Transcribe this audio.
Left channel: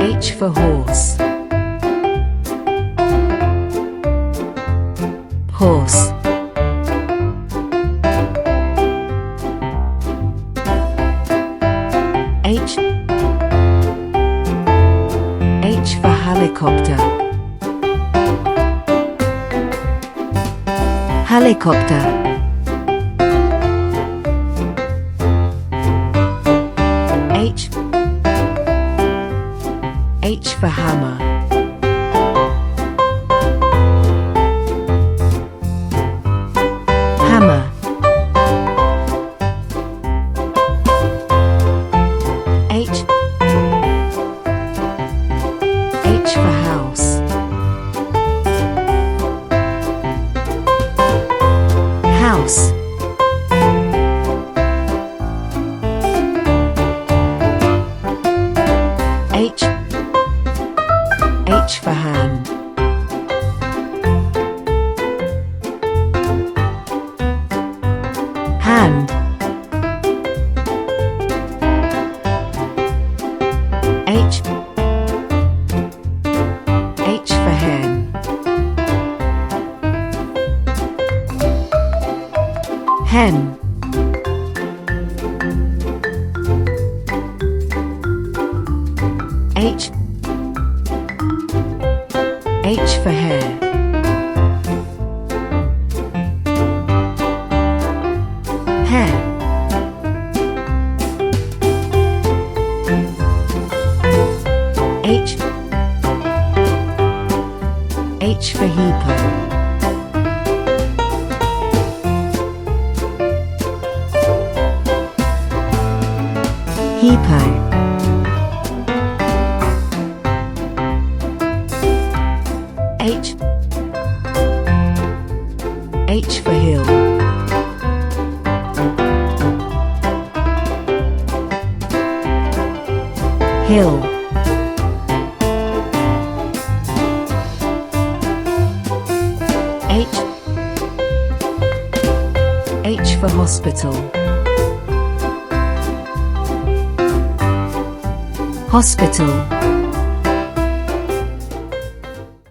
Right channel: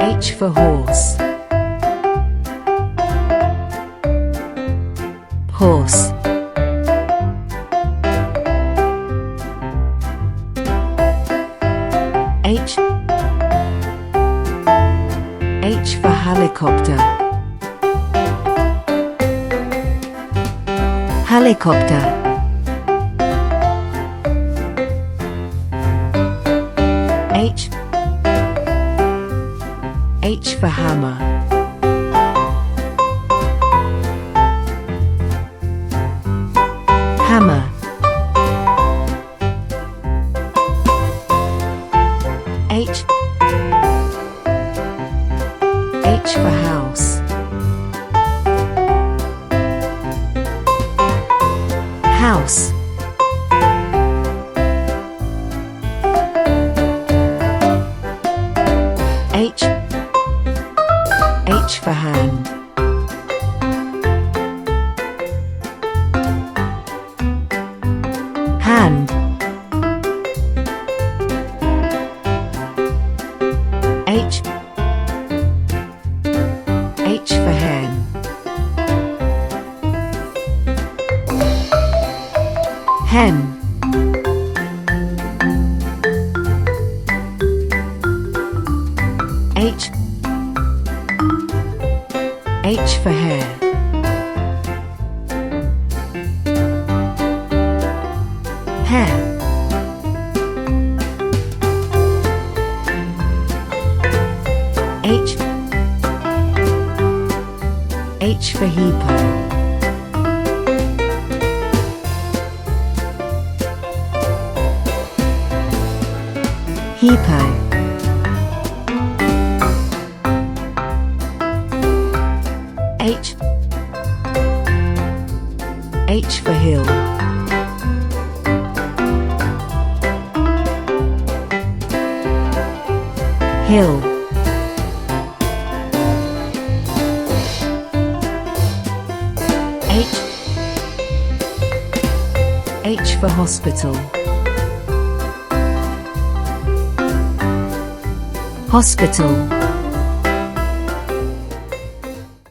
H for horse. Horse. H. H for helicopter. Helicopter. H. H for hammer. Hammer. H. H for house. House. H. H for hand. Hand. H. H for hen. Hen. H. H for hair. Hair. H. H for hippo. Hippo. H. H for hill. Hill. H. H for hospital. Hospital.